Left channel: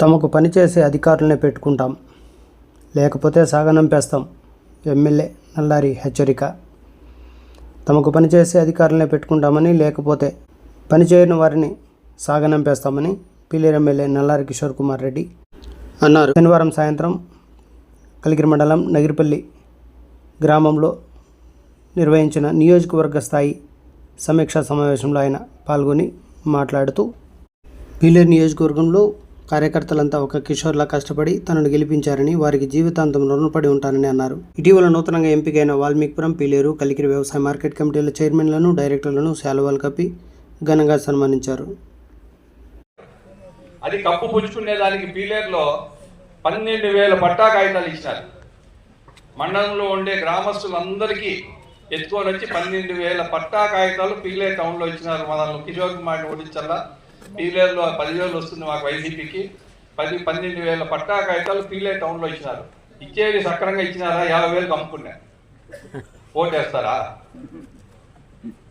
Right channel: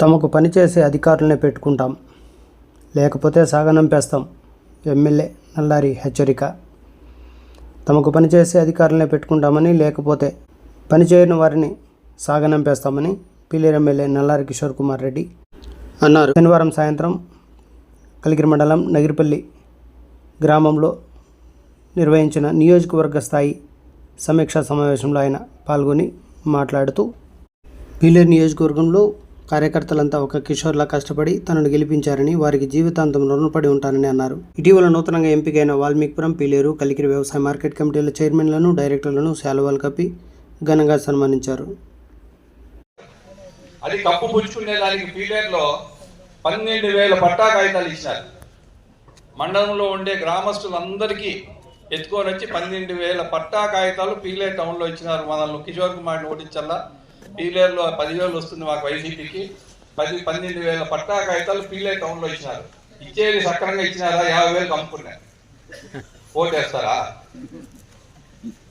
తమకు పనిచేసే అధికారులనే పెట్టుకుంటాం. లేకపోతే సాగనంపేస్తాం. ఎమ్మెల్యే నల్లారి హెచ్చరిక. తమకు పనిచేసే అధికారులనే పెట్టుకుంటామని లేకపోతే పనిచేయని వారిని సాగనంపేస్తామని పిల్లేరు ఎమ్మెల్యే నల్లారి కిషోర్ కుమార్ రెడ్డి అన్నారు. శనివారం సాయంత్రం కలిగిరి మండలం నగిరిపల్లి గ్రామంలో నిర్వహించిన నియోజకవర్గ స్థాయి సమీక్షా సమావేశంలో ఆయన పాల్గొని మాట్లాడుతూ పీలేరు నియోజకవర్గంలో కార్యకర్తలంతా ఒక కిషోర్లా కష్టపడి తనను గెలిపించారని వారికి జీవితాంతం రుణపడి ఉంటానని అన్నారు. ఇటీవల నూతనంగా ఎంపికైన వాల్మీకిపురం పీలేరు కలికిరి వ్యవసాయ మార్కెట్ కమిటీల చైర్మన్లను డైరెక్టర్లను శాలువాలు కప్పి ఘనంగా సన్మానించారు. అది కప్పు పుచ్చుకునే దానికి పీలేరులో పన్నెండు వేల పట్టా కాగితాలు ఇచ్చారు. మండలంలో ఉండే గ్రామస్తులందరికీ ఎత్తుకొని వచ్చి పన్నెండు వేల పట్టా కాగితాలు పీలేరు టౌన్లో ఇచ్చినారు. మనల్ని కిషోర్ కుమార్ ఓడించాలా పీలేరులో పదివేలు వస్తుంది మాకు వైసీపీకి పది పన్నెండు వేల పట్టా కాగితాలు పీలే టౌన్లో ఇచ్చినారు. ఇచ్చేది సక్రంగా ఇచ్చినారా? యాభై వేలు అమ్ముకున్నారు ఓటేస్తారా?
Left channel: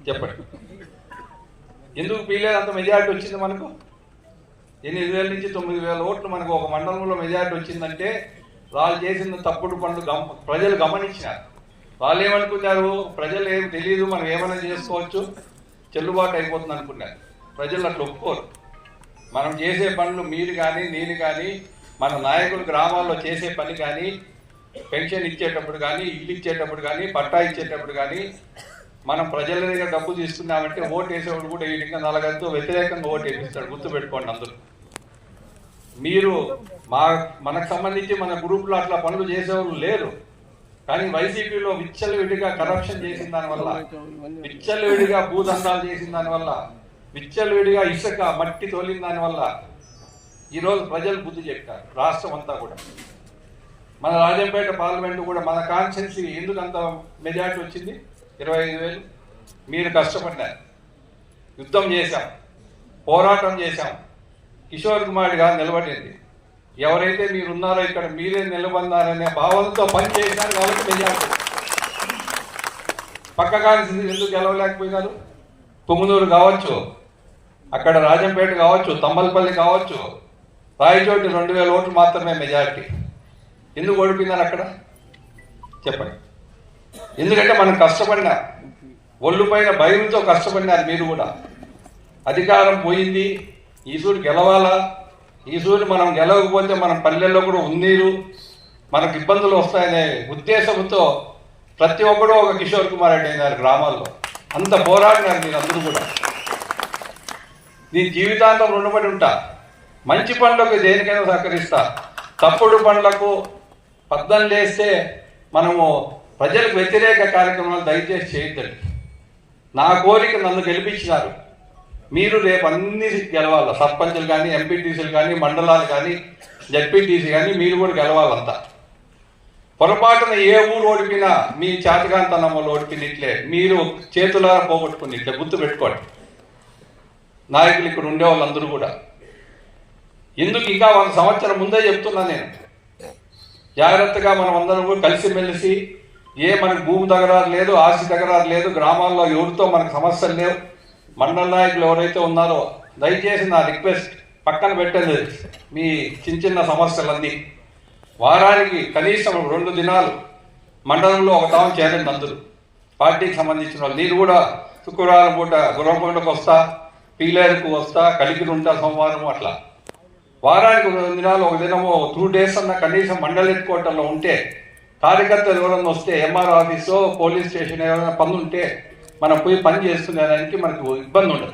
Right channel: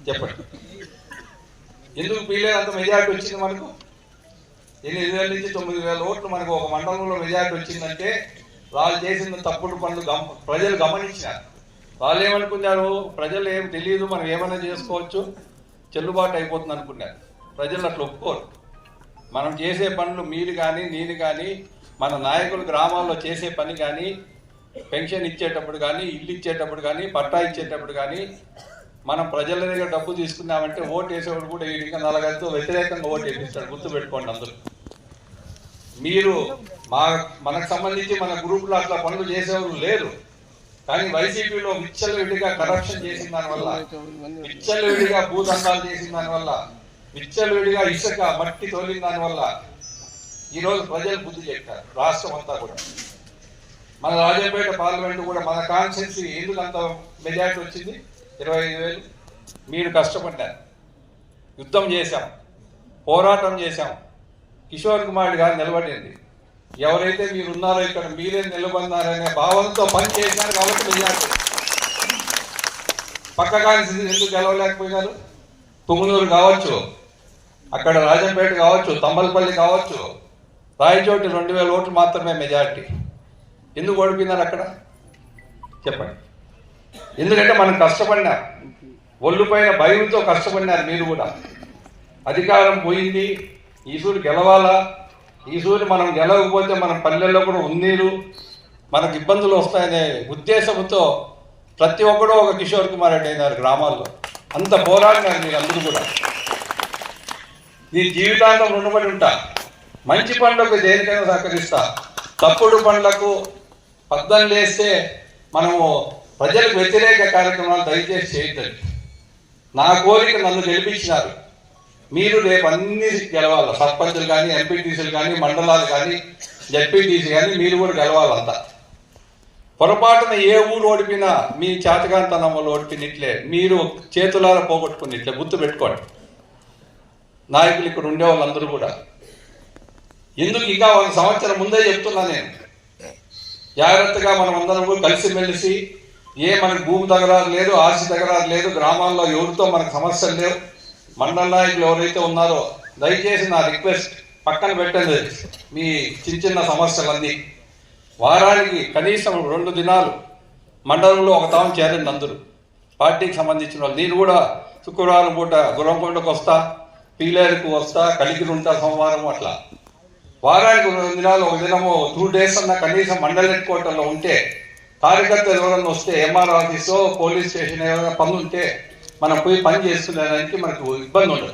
చెప్పండి. ఎందుకు పీలేరు అంత మెజార్టీ వచ్చింది మనకు? ఎనిమిది వేల నుంచి తొమ్మిది వేల ఓట్లు మనకు ఒక మండలంలో మెజార్టీ వచ్చిందంటే వాళ్ళు చేసిన తప్పుడు పనులు గమ- ప్రజలు గమనించినారు. వాళ్ళు ఏమనుకున్నారు? ప్రజలు ఏం తెలియదు మనం ఏమైనా చేసుకోవచ్చు. చెల్లుబాటు అయిపోతుంది అనుకున్నారు. ప్రజలు అట్లా ఒప్పుకోరు. మనం చేసే పనులు మీరు కానీ నేను కానీ మన నాయకులు గ్రామాల్లో చేసే పని కానీ పెన్షన్ ఇచ్చేటప్పుడు కానీ ఇల్లు ఇచ్చేటప్పుడు కానీ పట్టా ఇచ్చేటప్పుడు కానీ మనం ప్రజల దగ్గర డబ్బు తీసుకున్నామంటే ఓటు వేసేవాడు కూడా ఈ విధంగా నలగంతో వ్యతిరేకంగా ఓటు వేపిస్తాడు గుర్తు పెట్టుకోండి అందరూ. మీరు మా మనకు సంబంధించి మన గ్రూప్లో అట్లా పనులు చేసేవాళ్ళు లేరు. కానీ వైసీపీలో విచ్చలవిడిగా కరప్షన్ చేసిన దానివల్ల విచ్చలవిడిగా భూదండాలు చేసిన దానివల్ల విచ్చలవిడిగా ఇసుక మట్టి తోలిన దానివల్ల ఈ రోజు ప్రజలు బుద్ధి చెప్తారు రాష్ట్రం అంతా కూడా. మన రాజంపేట పార్లమెంట్ కూడా మన కాన్స్టిట్యున్సీ ఎందుకు అంత మెజార్టీ వచ్చింది? ఇరవై ఐదు వేలు. మీరు కష్టపడ్డారు. యుద్ధం చేశాం. పోరాటం చేశాం. కిషోర్ కుమార్ గారు నిలబడింది. ఎవరైతే మీరు ఉన్నారో ఇక్కడ మీరే నిలబడినారనే భావంతో పనిచేశారు కాబట్టి మెజార్టీ. పక్క కాన్స్టిట్యున్సీ ఎందుకు గెలవలేకపోయినారు? తుమ్మునూరు కావచ్చు. అక్కడ రాజంపేట కావచ్చు తమ్మలపల్లి కావచ్చు రాయచోటి రెండు వేల ఓట్లు మాత్రమే మెజారిటీ ఎందుకు ఓడిపోయినారు అక్కడ? చెప్పండి. ఎందుకంటే మనం కష్టపడినా ఒళ్ళు పైన భయంతో కష్టపడినారు మీరు కూడా. అధికారం పోయింది ఈసూరు గెలవాలా? ఈసూరు మనం గెలవకపోతే మన పల్లెల్లో కూడా ఉన్నీరు మనకు ఇబ్బందులు వస్తాయనే ఉద్దేశంతో ప్రతి ఒక్కడూ ఒక కిషోర్ కుమార్ రెడ్డి అయినారు గ్రామాల్లో. అంత పోరాడినారు మీరు అందరూ కూడా. నేను జీవితాంతం రుణపడి ఉంటా. మంచి పనులకు దేనికైనా సహకరిస్తా. తప్పుడు పనులకు పద్దం లేస్తే మనము ప్రజలకు వ్యతిరేక కార్యక్రమాలు దయచేసి చేయొద్దండి నా కోరిక నన్ను గెలిపించినారు. మీరు రేపు అన్ని గెలవాలి. సర్పంచులు కానీ ఎంపీటీసీలు కానీ మండలాలు కానీ జడ్పీటీసీ కానీ మీరు కూడా గెలవాలంతా పొరపాటున ఏ ఊరు ఓడిపినా మీ చేతకాంతనం వల్ల ఓడిపినట్లే. మీరు చేతులారా పోగొట్టుకున్నట్లే గుర్తు పెట్టుకోండి. నాయకులు ఇక్కడ ఉండే వాళ్ళందరూ కూడా. ఎందుకు ఇంకా ఒక సంవత్సరం ముందే చెప్తున్నా నేను? జాగ్రత్తగా మనం అందరం కూడా కలిసిమెలిసి ఏ మనకి భూమి తగరారు లేదు ఆస్తి తగరారు లేదు గ్రామాల్లో ఎవరితో మనకు సమస్యలు లేవు మండల నాయకులు ఎవరైతే ఉన్నారో దయచేసి నా రిక్వెస్ట్ పక్కన పెట్టండి. మీ చిన్న చిన్న సమస్యలన్నీ. వారానికి కనీసం రెండు దినాలు మండలంలో ఒక తాము చేరండి అందరూ. పార్టీకి సంబంధించిన వాళ్ళు. నేను కూడా శుక్రవారం పూట గుర్రకొండకు వస్తా. పీలేరుకు వస్తా కలిగి ఉంటా సోమవారం అట్లా. వారానికి రెండు దినాలు ఒక దినము టూ డేస్ అన్న కనీసం మండలి హెడ్ క్వార్టర్లో ఉంటే కార్యకర్తలు ఎవరైనా వస్తే ఎంఆర్ ఆఫీసో పోలీస్ స్టేషన్ ఏమైనా పనులు ఉంటే మనం పోయి పని చేసుకునేదానికి మనకు ఇబ్బంది ఉండదు.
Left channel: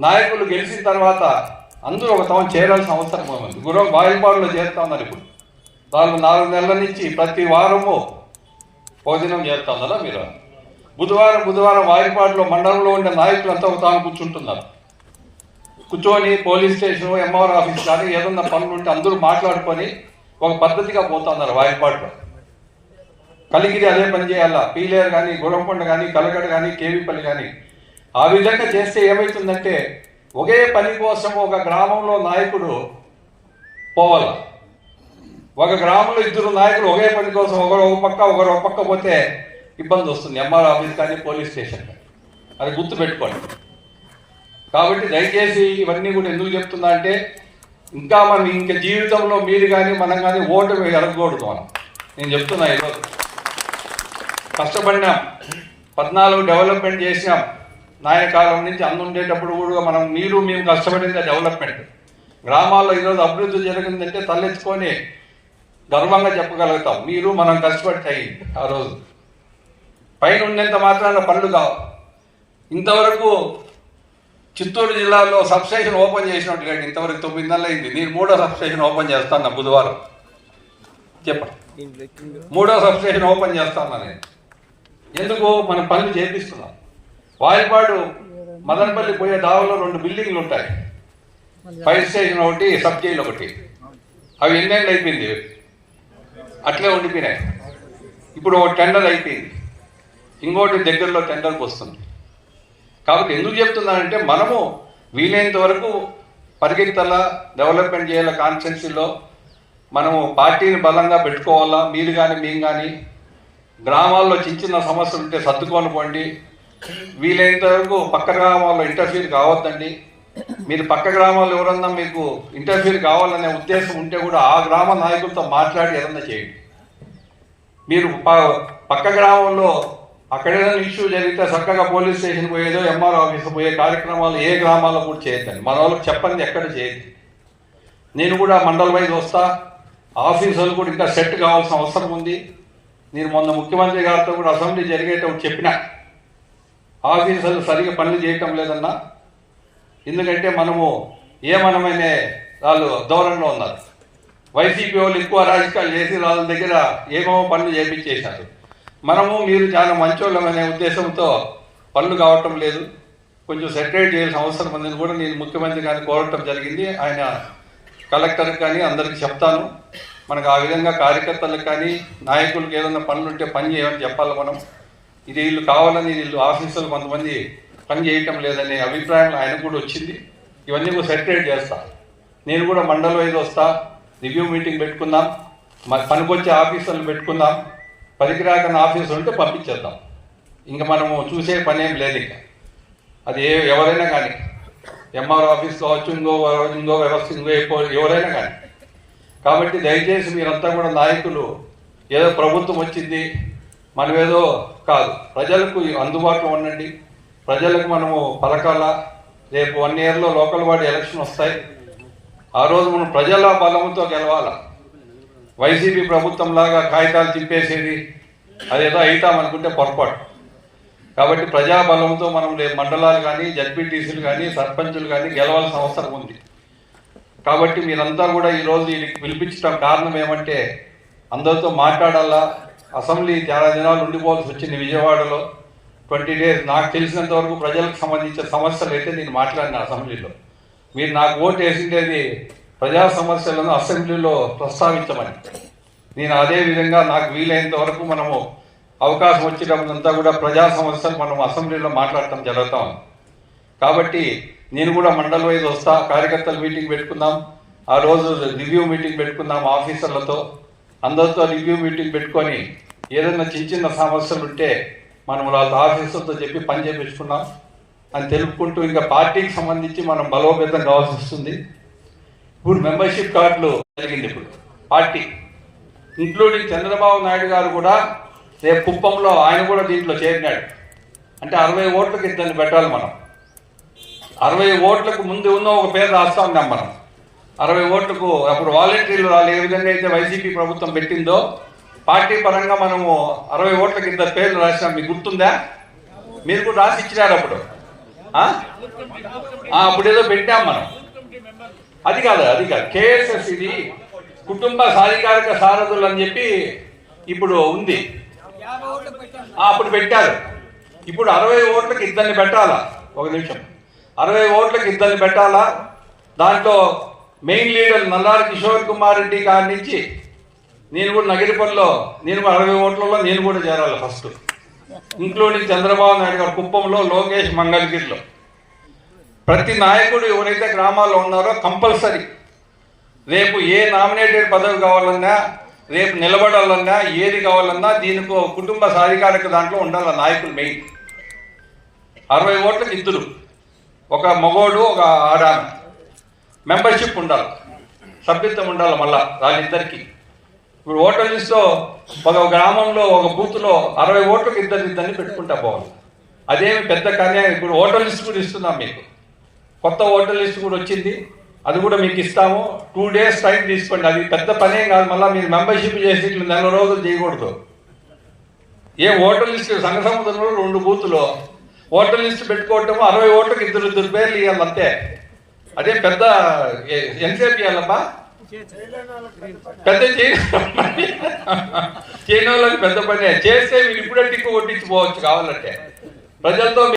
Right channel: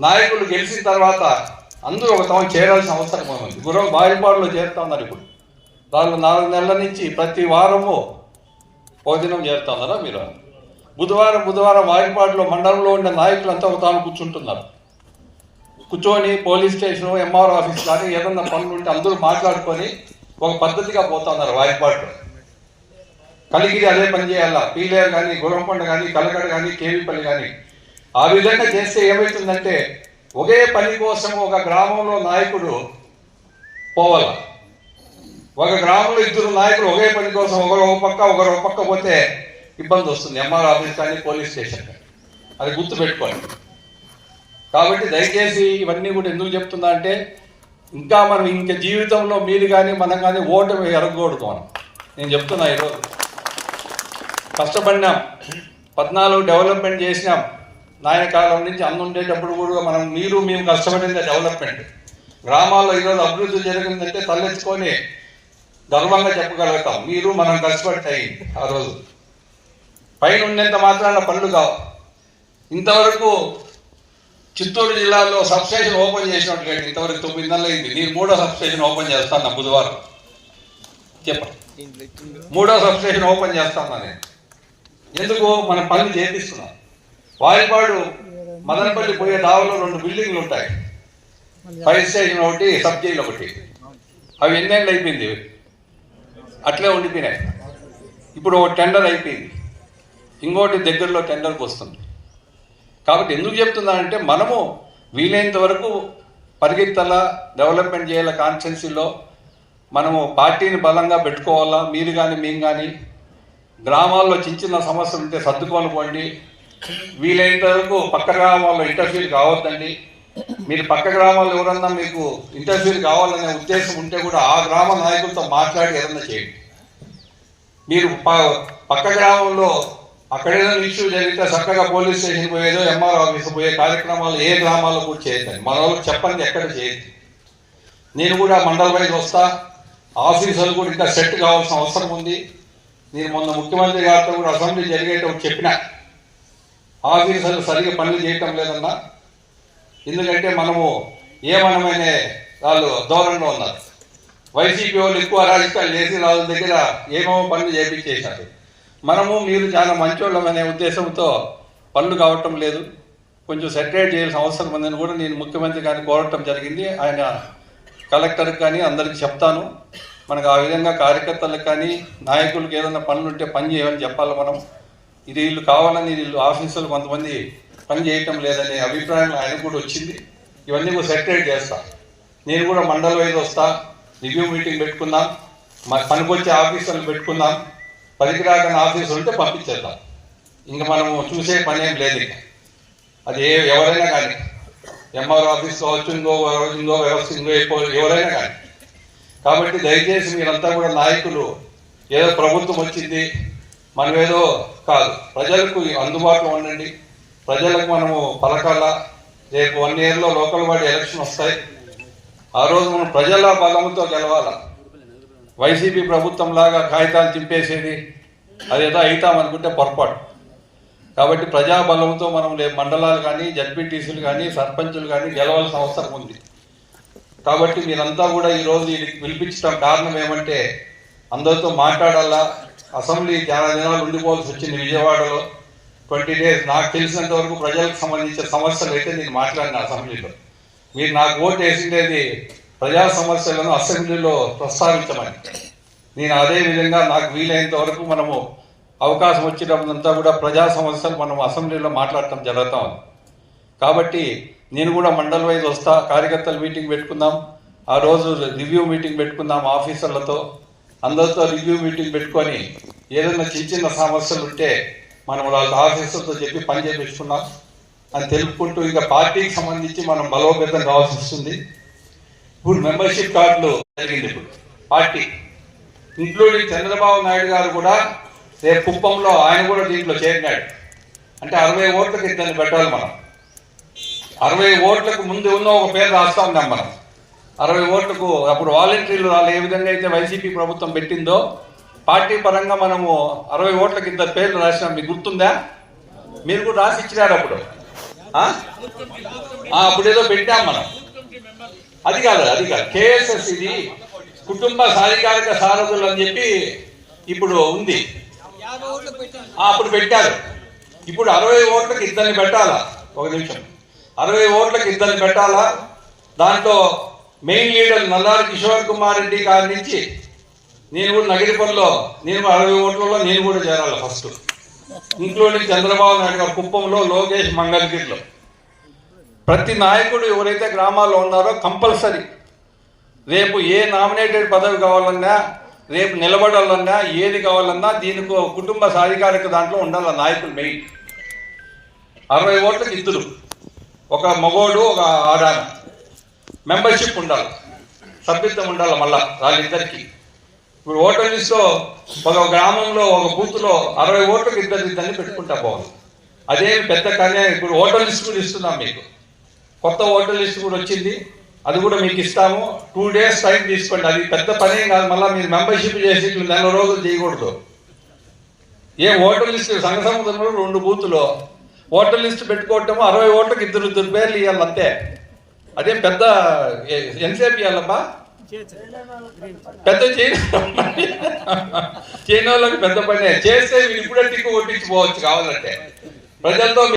నాయకులు గెలిచిన తర్వాత అందరూ ఒక తాము చేరాల్సిన అవసరం ఉంది గురవ బాయిపాడులో చేరుతా ఉన్నారు ఇప్పుడు. వాళ్ళు నాలుగు నెలల నుంచి ప్రతి వారము భోజనం చేరుతున్నారా మీరు? బుధవారం బుధవారం వాయిపాడులో మండలంలో ఉండే నాయకులంతా ఒక కూర్చుంటున్నారు. కూర్చొని పోలీస్ స్టేషన్ ఎంఆర్ ఆఫీస్ కానీ ఏదన్నా పనులు ఉంటే అందరూ మాట్లాడుకొని ఒక పద్ధతిగా పోతున్నారు వాయిపాడులో కలిగిరి అదే పని చేయాలా? పీలేరు కానీ గుర్రంకొండ కానీ కలగడ కానీ కేవీపల్లి కానీ. ఆ విధంగా చేస్తే ఏమవుతుందంటే ఒకే పని కోసం ఒక గ్రామంలో నాయకుడు పోవాలి. ఒక గ్రామంలో ఇద్దరు నాయకులు ఒకే పని కోసం ఒకరు ఒక పక్క ఒకరు ఒక పక్క పోతే ఇబ్బంది వస్తుంది. ఎంఆర్ ఆఫీస్ కానీ పోలీస్ స్టేషన్ అది గుర్తు పెట్టుకోండి కాబట్టి దయచేసి ఇవన్నీ కూడా ఎందుకు చెప్తున్నా అంటే ఇంకా మనం ఇంకా జీవితంలో మీరు కానీ మనం కానీ ఓటు ఎరగకూడదు మనం. నేను చెప్తున్నా ఈరోజు. కష్టపడినాం. పద్నాలుగు డెవలప్మెంట్ చేసినాం. నాయకాలం నుంచి అన్ను ఉండేటప్పుడు కూడా మనం మీరు మేము కష్టపడింది డెవలప్మెంట్. గ్రామాల్లో ఈరోజు అభివృద్ధి జరిగిందంటే తలెత్తుకొని గర్వంగా చెప్పగలుగుతాం. మీరు మనం కష్టపడి అయ్యింది ఆ రోజు. పైన ఉన్నంత మాత్రాన పనులు కావు. ఇంతవరకు చిత్తూరు జిల్లాలో సబ్స్టేషన్ ఓపెన్ చేసినట్టు లేదు ఇంతవరకు తొమ్మిది నెలలు అయింది. నేను మూడో సబ్స్టేషన్ ఓపెన్ చేస్తాను బుధవారం. చెప్పండి. మూడో సబ్స్టేషన్ ఓపెన్ చేస్తాను నేను ఎందుకు మనం పనులు చేపిస్తున్నాం? వాయిపాడు మదనపల్లి పోయే దావలో రెండు బిల్డింగ్లు ఉంటాయి. ఫైర్ స్టేషన్ ఒకటి సబ్ జైలు ఒకటి. అవి ఎన్నేళ్ళు అయిపోయింది? అట్లే ఉండిపోయినాయి. ఇప్పుడు ఒక టెండర్ అయిపోయింది. ఇంకోటి దగ్గరలో టెండర్కి వస్తుంది కాబట్టి ఎందుకు చెప్తున్నానంటే మనము వీలైనంత వరకు పరిగెత్తాలా డెవలప్మెంట్ చేయాల కాన్స్టెన్సీలో మనము పార్టీని బలంగా పెట్టుకోవాలా మీరు కానీ మేము కానీ గ్రామాల్లో చిన్న చిన్న సమస్యలు ఉంటే సర్దుకోనుకోండి వీలైనంత వరకు పక్క గ్రామాల్లో ఇంటర్ఫీర్ కావద్దండి. మీరు పక్క గ్రామాల్లో ఎవరన్నా మీకు ఇంటర్ఫీర్ కావాలనే ఉద్దేశం ఉంటే కూడా ఆ గ్రామ నాయకులతో మాట్లాడి ఏదన్నా చేయండి. మీరు ప- పక్క గ్రామంలో అక్కడేదో ఇష్యూ జరిగితే చక్కగా పోలీస్ స్టేషన్ పోయేదో ఎంఆర్ ఆఫీస్ పోయే కార్యక్రమాలు ఏ గ్రామాల్లో కూడా చేయొద్దని మన వాళ్ళకి చెప్పండి ఎక్కడ చేయొద్దు. నేను కూడా మండల వైజ్ వస్తా. ఆఫీసులు కూడా ఇంకా సెట్ కావాల్సిన అవసరం ఉంది. నేను మొన్న ముఖ్యమంత్రి గారితో కూడా అసెంబ్లీ జరిగేటప్పుడు చెప్పిన. ఆఫీసులు సరిగ్గా పనులు చేయటం లేదన్నా. ఎందుకంటే మనము ఏమనమనే వాళ్ళు దూరంలో ఉన్నారు. వైసీపీ వాళ్ళు ఎక్కువ రాజకీయాలు చేసి వాళ్ళ దగ్గర ఏమో పనులు చేయించేశారు మనము మీరు చాలా మంచోళ్ళమనే ఉద్దేశంతో పనులు కావటం లేదు. కొంచెం సెటరేట్ చేయాల్సిన అవసరం ఉందని కూడా నేను ముఖ్యమంత్రి గారిని కోరటం జరిగింది. ఆయన కలెక్టర్కి కానీ అందరికి చెప్తాను. మనకు ఆ విధంగా కార్యకర్తలకు కానీ నాయకులకు ఏదైనా పనులు ఉంటే పని చేయమని చెప్పాలి మనం. ఇది వీళ్ళు కావాలని వీళ్ళు ఆఫీసులు కొంతమంది పని చేయటం లేదనే అభిప్రాయం ఆయన కూడా వచ్చింది. ఇవన్నీ కూడా సెటరేట్ చేస్తా. నేను కూడా మండల వైజ్ వస్తా. రివ్యూ మీటింగ్ పెట్టుకుందాం. మన పనికొచ్చే ఆఫీసర్లు పెట్టుకుందాం. పనికిరాకని ఆఫీసులు ఉంటే పంపించేద్దాం. ఇంకా మనము చూసే పని ఏం లేదు ఇక. అది ఏ ఎవరైనా కానీ. ఎంఆర్ ఆఫీస్ కావచ్చు ఇంకో ఇంకో వ్యవస్థ ఇంకో ఎక్కువ- ఎవరైనా కానీ. కాబట్టి దయచేసి మీరంతా కూడా నాయకులు ఏదో ప్రభుత్వం వచ్చింది మనమేదో కాదు. ప్రజలకు అందుబాటులో ఉండండి. ప్రజలకు మనము పలకాల? రేపు వన్ ఇయర్లో లోకల్ బాడీ ఎలక్షన్ వస్తాయి. ఆ రోజు మనం ప్రజల బలంతో గెలవాలి? వైసీపీ ప్రభుత్వం లాగా కాగితాలు తిప్పేసేది అదేదో అవుతాం అనుకుంటే పొరపాటు. కాబట్టి ప్రజా బలంతో మనం మండలాలు కానీ జడ్పీటీసీలు కానీ సర్పంచులు కానీ గెలవాల్సిన అవసరం ఉంది. కాబట్టి మీరంతా కూడా ఈ రోజు పిలిపించడం కారణం ఏమంటే అందరితో మాట్లాడాలా? అసెంబ్లీ చాలా దినాలు ఉండిపోవాల్సి వచ్చింది విజయవాడలో. Twenty days. నాకు తెలిసినంత వరకు ప్రజలకు సంబంధించిన సమస్యలు అయితే నేను మాట్లాడిన అసెంబ్లీలో. మీరు నాకు ఓటు వేసిండేది ప్రజా సమస్యలను అసెంబ్లీలో ప్రస్తావించమని. నేను అదే విధంగా నాకు వీలైనంత వరకు మనము అవకాశం వచ్చినప్పుడంతా కూడా ప్రజా సమస్యలు మనం అసెంబ్లీలో మాట్లాడటం జరుగుతాం. కాబట్టి నేను కూడా మండల వైజ్ వస్తా కార్యకర్తల మీటింగ్ పెట్టుకుందాం ఆ రోజు రివ్యూ మీటింగ్ పెట్టుకుందాం ఆఫీసర్లతో. అందరితో రివ్యూ మీటింగ్ పెట్టుకొని ఏదైనా చిన్న చిన్న సమస్యలు ఉంటే మనం వాళ్ళ ఆఫీసర్తో చెప్పి పని చేపించుకున్నాం అని తెలుపుకుంటూ ఇంకా పార్టీకి సంబంధించి మనం బలోపేతం కావాల్సి వస్తుంది. ఇప్పుడు మెంబర్షిప్ కార్డులు జరిగింది ఇప్పుడు. పార్టీ ఇంక్లూడింగ్ చంద్రబాబు నాయుడు గారు కూడా రేపు కుప్పంలో ఆయన కూడా దీంట్లో చేరినాడు. అంటే అరవై ఓట్లకి ఇద్దరిని పెట్టాలి మనం. అరవై ఓట్లకు ముందు ఉన్న ఒక పేరు రాస్తా ఉన్నాం మనం. అరవై ఓట్లకు అప్పుడు వాలంటీర్లు వాళ్ళు ఏ విధంగా అయితే వైసీపీ ప్రభుత్వం పెట్టిందో పార్టీ పరంగా మనము అరవై ఓట్లకి ఇద్దరు పేర్లు రాసినాం. మీకు గుర్తుందా? మీరు కూడా రాసి ఇచ్చినారు అప్పుడు. అప్పుడేదో అప్పుడు ఏదో పెట్టాం మనం. అది కాదు అది కాదు. కేఎస్ఎస్ ఇది కుటుంబ సాధికారిక సారథులు అని చెప్పి ఇప్పుడు ఉంది. అప్పుడు పెట్టారు. ఇప్పుడు అరవై ఓట్లకి ఇద్దరిని పెట్టాలా? ఒక నిమిషం. అరవై ఓట్లకి ఇద్దరిని పెట్టాలా? దాంట్లో మెయిన్ లీడర్ నల్లారి కిషోర్ కుమార్ రెడ్డి గారి నుంచి నేను కూడా నగిరిపల్లిలో నేను అరవై ఓట్లలో నేను కూడా చేరాలి ఫస్ట్. ఇంక్లూడింగ్ చంద్రబాబు నాయుడు గారు కుప్పంలో లోకేష్ మంగళగిరిలో. ప్రతి నాయకుడు ఎవరైతే గ్రామాల్లో ఉన్నారో కంపల్సరీ రేపు ఏ నామినేటెడ్ పదవి కావాలన్నా రేపు నిలబడాలన్నా ఏది కావాలన్నా దీనికి కుటుంబ సాధికారిక దాంట్లో ఉండాలి నాయకులు మెయిన్. అరవై ఓట్లకు ఇద్దరు ఒక మగోడు ఒక ఆడాన. మెంబర్షిప్ ఉండాలి. సభ్యత్వం ఉండాలి మళ్ళా వాళ్ళిద్దరికి. ఇప్పుడు ఓటర్ లిస్ట్ ఒక గ్రామంలో ఒక బూత్లో అరవై ఓట్లకు ఇద్దరు ఇద్దరిని పెట్టుకుంటా పోవాలి అదేం పెద్ద కార్యం ఇప్పుడు ఓటర్ లిస్ట్ కూడా ఇస్తున్నాం మీకు. కొత్త ఓటర్ లిస్ట్ కూడా వచ్చింది. అది కూడా మీకు ఇస్తాము. టూ డేస్ టైం తీసుకోండి. అది పెద్ద పనేం కాదు. మళ్ళీ మీరు మెంబర్షిప్ చేసి నెల రోజులు చేయకూడదు. ఏ ఓటర్ లిస్ట్ సంఘ సముద్రంలో రెండు బూతులు. ఓటర్ లిస్ట్ పెట్టుకోవటం అరవై ఓటర్కి ఇద్దరు ఇద్దరు పేర్లు ఇవ్వాలి అంతే. అదే పెద్ద ఏ- ఎంతసేపు ఇవ్వాలమ్మా పెద్ద చేయని వాళ్ళకి పెద్ద పనే. చేస్తే మీరు ఇప్పుడే టిక్కు కొట్టించుకోవచ్చు కావాలంటే. ప్రజలతో